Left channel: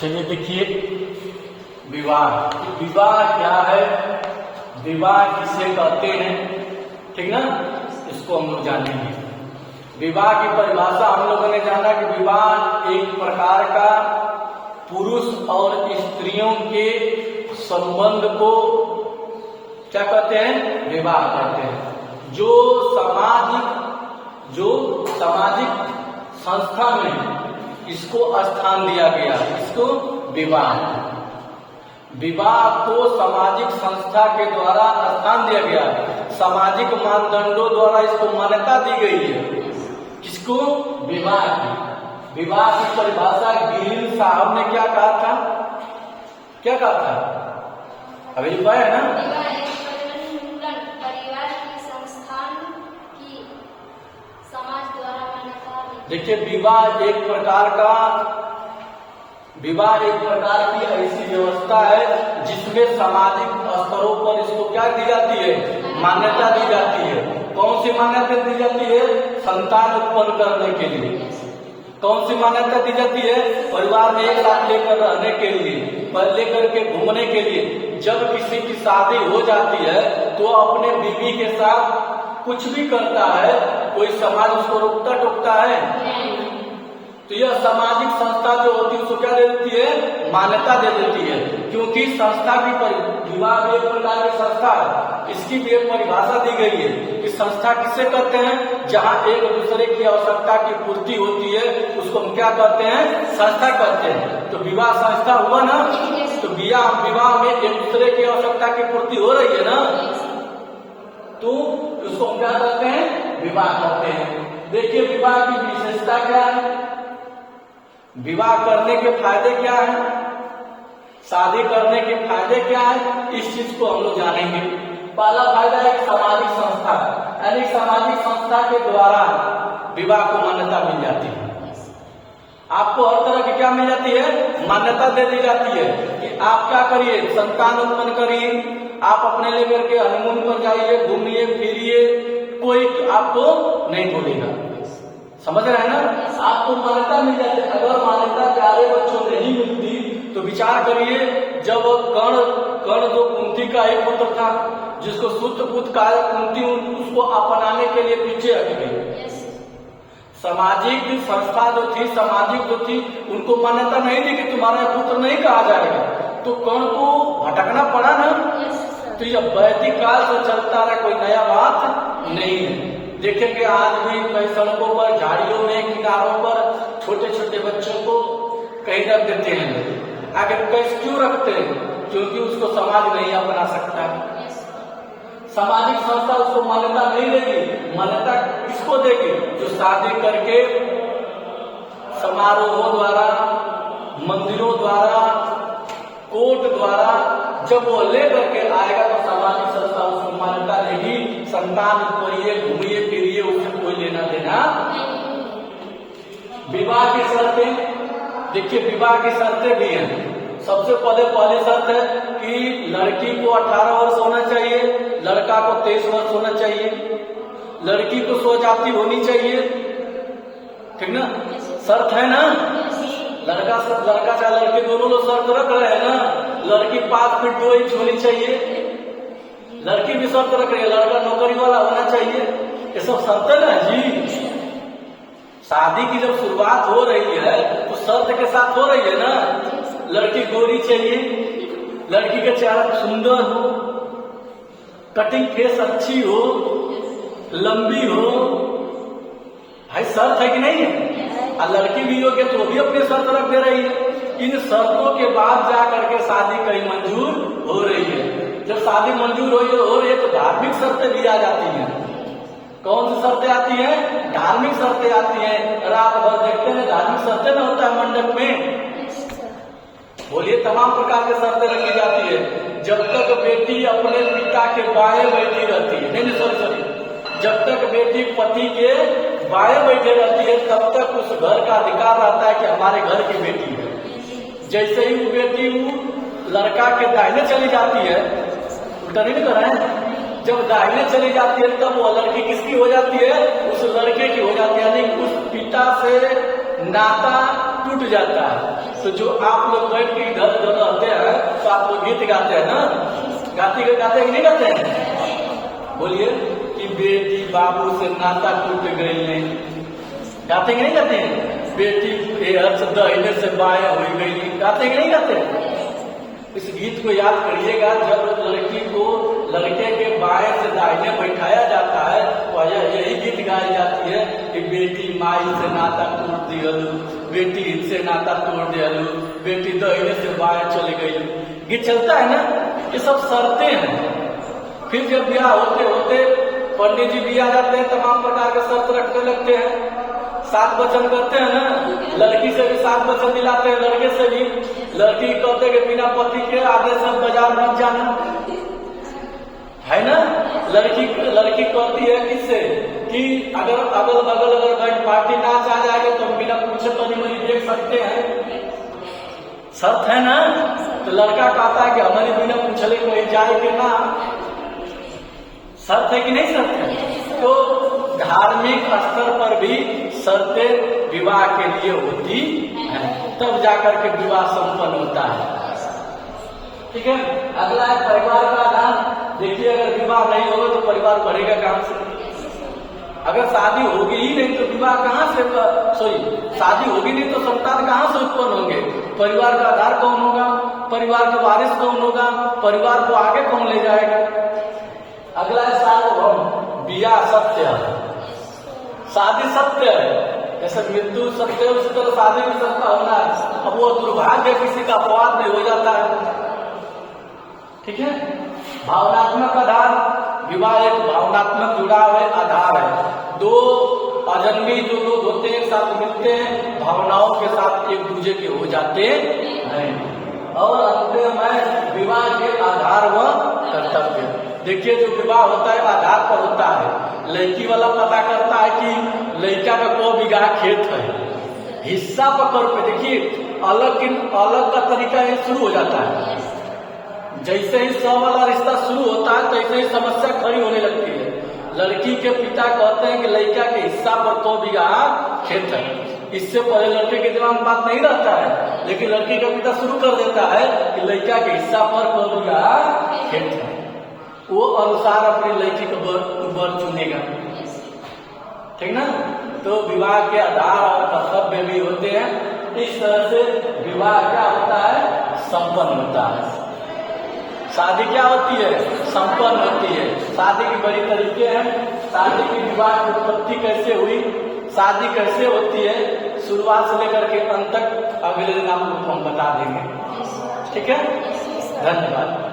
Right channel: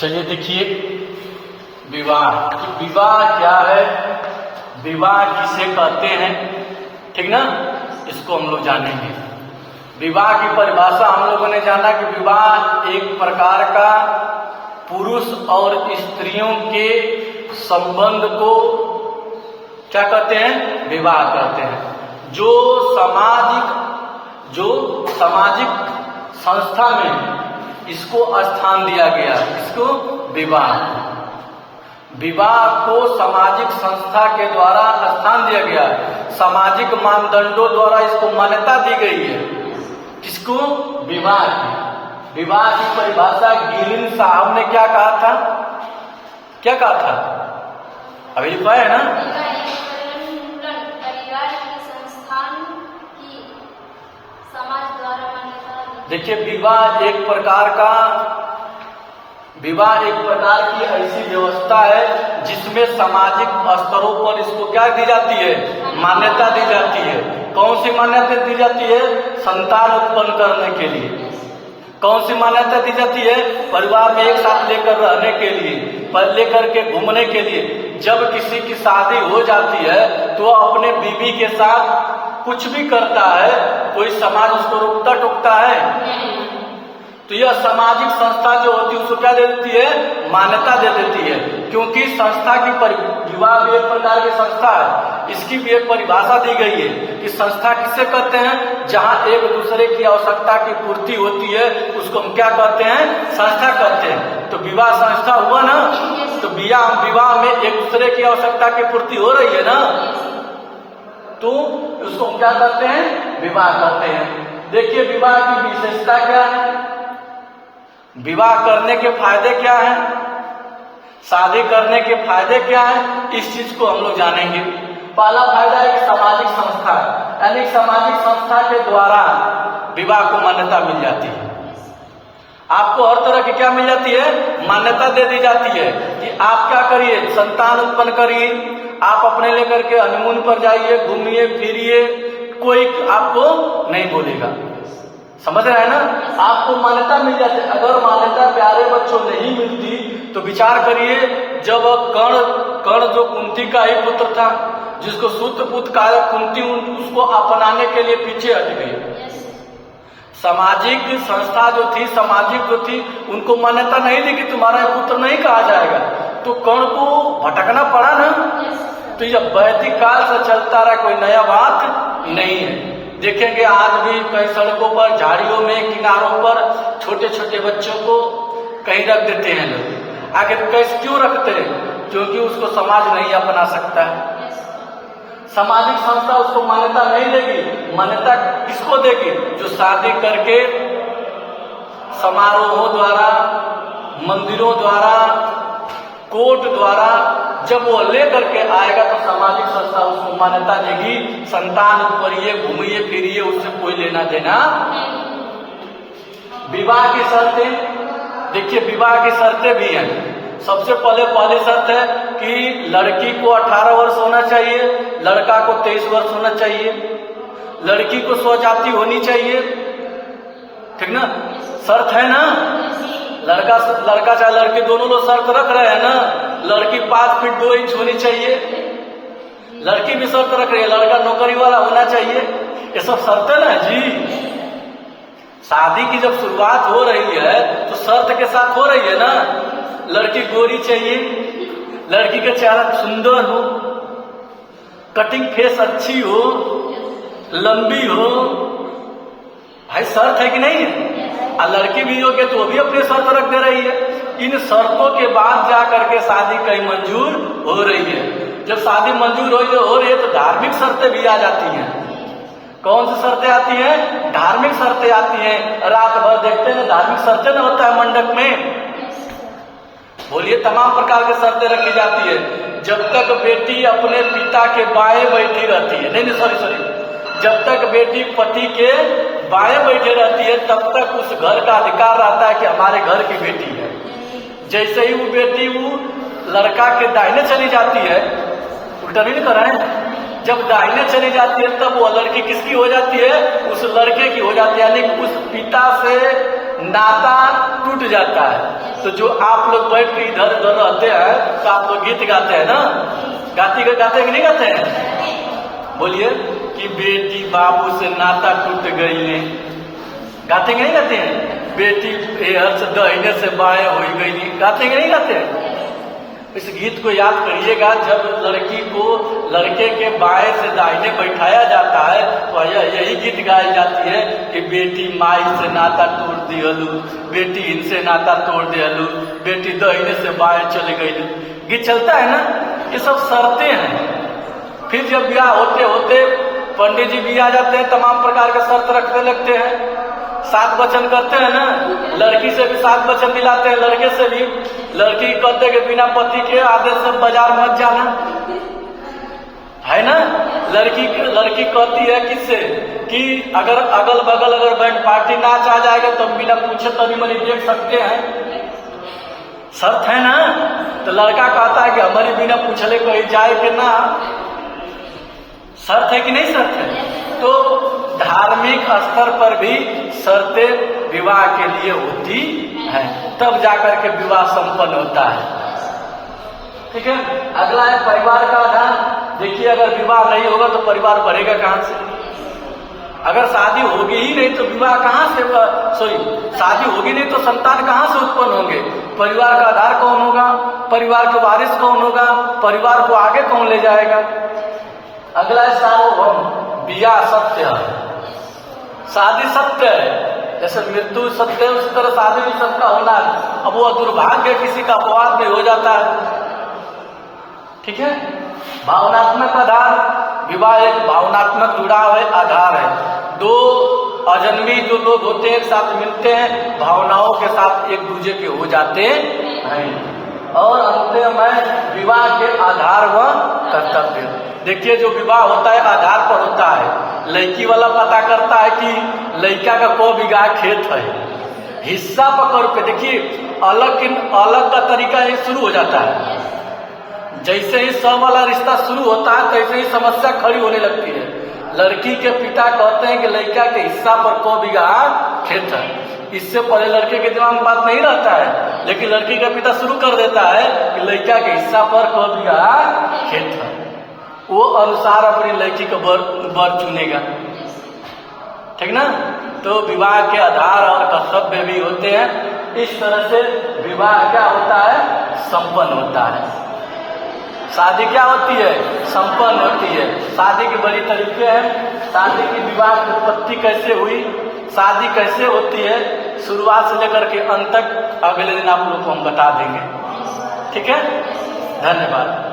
चलिए देखिए, विवाह। विवाह क्या है, विवाह किसे कहते हैं, ठीक ना, इसको हम लोग जानेंगे। विवाह की परिभाषा हम लोगों ने जाना कि विवाह एक प्रकार का पुरुष और स्त्रियों के संबंध को क्या कहते हैं, विवाह कहते हैं। जो सामाजिक संस्था में इसको स्थान दिया गया, इसको विवाह। विवाह को सामाजिक संस्था के द्वारा स्थान दिया गया, सामाजिक मानदंडों द्वारा इसको मान्यता दी गई है। किसको, विवाह की। विवाह की परिभाषा गिरिन साहब ने क्या कहा था, क्या कहा था, अभी लिखा है ना। देखिए, विवाह एक प्रकार की ऐसी व्यवस्था है जिसमें सामाजिक स्तरों पर इसको क्या दी जाती है, मान्यता दी जाती है। कौन सी मान्यता दी जाती है, संतान उत्पन्न करने के लिए। कौन सी मान्यता दी जाती है, परिवार में एक साथ लेकर रहने के लिए, लेकर के घूमने के लिए। जब किसी की शादी हो जाती है तो अपने बीवी के साथ कुछ भी करता है, कोई समाज उसको रोकता टोकता है। तो यह सामाजिक संस्था जो होती है उसको क्या दे देती है, मान्यता दे देती है। क्योंकि संस्था की विवाह भी एक प्रकार की संस्था है, इसकी भी एक परिभाषा दी गई है कि संस्था किसे कहते हैं, जहां एक दूसरे की आवश्यकता की पूर्ति होती है, उसको हम क्या कहते हैं, संस्था कहते हैं। तो विवाह संस्था हुआ ना, तो विवाह में एक दूसरे की आवश्यकता की पूर्ति हो रही है ना, तो उसको हम क्या करते हैं, विवाह करते हैं। देखिए, विवाह की विशेषता क्या है, विवाह करने के फायदे क्या हैं, शादी करने के फायदे क्या हैं, इस चीज को हम लोग जानेंगे। पहला फायदा एक सामाजिक संस्था, यानी सामाजिक संस्था के द्वारा विवाह को मान्यता मिल जाती है। आपको हर तरह की क्या मिल जाती है, मान्यता दे दी जाती है कि आप क्या करिए, संतान उत्पन्न करिए, आप अपने लेकर के हनीमून पर जाइए, घूमिए फिरिए, कोई आपको नहीं बोलेगा। समझ रहे हैं ना, आपको मान्यता मिल जाती है। अगर मान्यता प्यारे बच्चों नहीं मिलती तो विचार करिए, जब कर्ण जो कुंती का ही पुत्र था, जिसको सूत पुत्र कहा, कुंती उसको अपनाने के लिए पीछे हट गई। सामाजिक संस्था जो थी, सामाजिक जो थी, उनको मान्यता नहीं दी कि तुम्हारा पुत्र नहीं कहा जाएगा, तो कर्ण को भटकना पड़ा ना। तो यह वैदिक काल से चलता रहा, कोई नया बात नहीं है। देखेंगे आज भी कई सड़कों पर, झाड़ियों में, किनारों पर छोटे छोटे बच्चों को कहीं रख देते हैं लोग। आखिर कैसे क्यों रखते हैं, क्योंकि उसको समाज नहीं अपना सकता है। सामाजिक संस्था उसको मान्यता नहीं देगी। मान्यता किसको देगी, जो शादी करके समारोहों द्वारा, मंदिरों द्वारा, कोर्ट द्वारा जब वो ले करके आएगा तो सामाजिक संस्था उसको मान्यता देगी। संतान उत्परिए, घूमिए फिरिए, उससे कोई लेना देना। विवाह की शर्तें, देखिए विवाह की शर्तें भी हैं। सबसे पहली शर्त है कि लड़की को 18 वर्ष होना चाहिए, लड़का को 23 वर्ष होना चाहिए, लड़की को स्वजाति होनी चाहिए, ठीक ना, शर्त है ना। लड़का चाहे लड़की, दोनों लोग शर्त रख रहे हैं ना। लड़की 5 फीट 2 इंच होनी चाहिए, लड़की भी शर्त रख रही है, लड़का नौकरी वाला होना चाहिए। ये सब शर्तें ना जी। शादी की जब शुरुआत हो रही है तो शर्त के साथ हो रही है ना। लड़की गोरी चाहिए, लड़की का चेहरा सुंदर हो, कटिंग फेस अच्छी हो, लंबी हो, भाई शर्त है कि नहीं है। और लड़की भी योग्य तो वो भी अपने शर्त रख दे रही है। इन शर्तों के बाद जा करके शादी कहीं मंजूर हो रही है। जब शादी मंजूर हो रही है तो धार्मिक शर्तें भी आ जाती हैं। कौन सी शर्तें आती हैं, धार्मिक शर्तें आती हैं। रात भर देखते हैं धार्मिक शर्तें ना होता है मंडप में, बोलिए तमाम प्रकार की शर्तें रखी जाती है। जब तक बेटी अपने पिता के बाएं बैठी रहती है, नहीं सॉरी, जब तक बेटी पति के बाएं बैठे रहती है तब तक उस घर का अधिकार रहता है कि हमारे घर की बेटी है। जैसे ही वो बेटी वो लड़का के दाहिने चली जाती है, उल्टा नहीं कर रहे हैं, जब दाहिने चली जाती है तब वो लड़की किसकी हो जाती है, उस लड़के की हो जाती है। यानी उस पिता से नाता टूट जाता है। तो जो आप लोग बैठ के इधर उधर रहते हैं तो आप लोग गीत गाते हैं ना, गाते कि नहीं गाते हैं? बोलिए कि बेटी बाबू से नाता टूट गई ने, गाते कि नहीं गाते हैं? बेटी एहर से दाहिने से बाएं हो गई, गाते कि नहीं गाते हैं? इस गीत को याद करिएगा, जब लड़की को लड़के के बाएं से दाहिने बैठाया जाता है तो यही गीत गाई जाती है कि बेटी माई से नाता तोड़ दिहलू, बेटी इनसे नाता तोड़ दिहलू, बेटी दाहिने से बाएं चले गई। गीत चलता है ना, ये सब शर्तें हैं। फिर जब ब्याह होते होते पंडित जी भी आ जाते हैं, तमाम प्रकार के शर्त रखने लगते हैं, 7 वचन करते हैं ना, लड़की से भी 7 वचन दिलाते हैं, लड़के से भी। लड़की कहते कि बिना पति के आदेश से बाजार मत जाना, है ना। लड़की कहती है किससे कि अगर अगल बगल अगर बैंड पार्टी नाच आ जाएगा तो बिना पूछे तनी मनी देख सकते हैं, शर्त है ना। तो लड़का कहता है कि हमारी बिना पूछले कहीं जाए कि ना, शर्त है कि नहीं शर्त है? तो धार्मिक स्तर पर भी शर्तें विवाह के लिए होती है, तब जाकर के विवाह संपन्न होता है। ठीक है, अगला है परिवार का आधार। देखिए, अगर विवाह नहीं होगा तो परिवार बढ़ेगा कहां से? अगर शादी होगी ही नहीं तो विवाह कहां से, शादी होगी नहीं तो संतान कहां से उत्पन्न होंगे? परिवार का आधार कौन होगा? परिवार के वारिस कौन होगा? परिवार को आगे कौन ले जाएगा? अगला है सार्वभौम। ब्याह सत्य है, शादी सत्य है, जैसे मृत्यु सत्य है उसी तरह शादी भी सबका होना है। अब वो दुर्भाग्य किसी का अपवाद में हो जाता है। ठीक है, भावनात्मक आधार। विवाह एक भावनात्मक जुड़ाव है, आधार है। 2 अजन्मी जो लोग होते हैं एक साथ मिलते हैं, भावनाओं के साथ एक दूसरे के हो जाते हैं। और अंत में विवाह के आधार व कर्तव्य। देखिए, जो विवाह होता है आधार पर होता है। लड़की वाला पता करता है कि लड़का का 100 बीघा खेत है, हिस्सा पकड़ पे। देखिए, अलग का तरीका ये शुरू हो जाता है। जैसे ही सब वाला रिश्ता शुरू होता है तैसे ही समस्या खड़ी होने लगती है। लड़की के पिता कहते हैं कि लड़का के हिस्सा पर 100 बीघा खेत है। इससे पहले लड़के के दिमाग में बात नहीं रहता है, लेकिन लड़की का पिता शुरू कर देता है कि लड़का के हिस्सा पर 100 बीघा खेत है। वो अनुसार अपनी लड़की को वर चुनेगा। ठीक ना। तो विवाह के आधार और कर्तव्य भी होते हैं। इस तरह से विवाह क्या होता है? संपन्न होता है। शादी क्या होती है? संपन्न होती है। शादी के बड़ी तरीके हैं। शादी की विवाह की उत्पत्ति कैसे हुई, शादी कैसे होती है, शुरुआत से लेकर के अंत तक अगले दिन आप लोग को हम बता देंगे। ठीक है, धन्यवाद।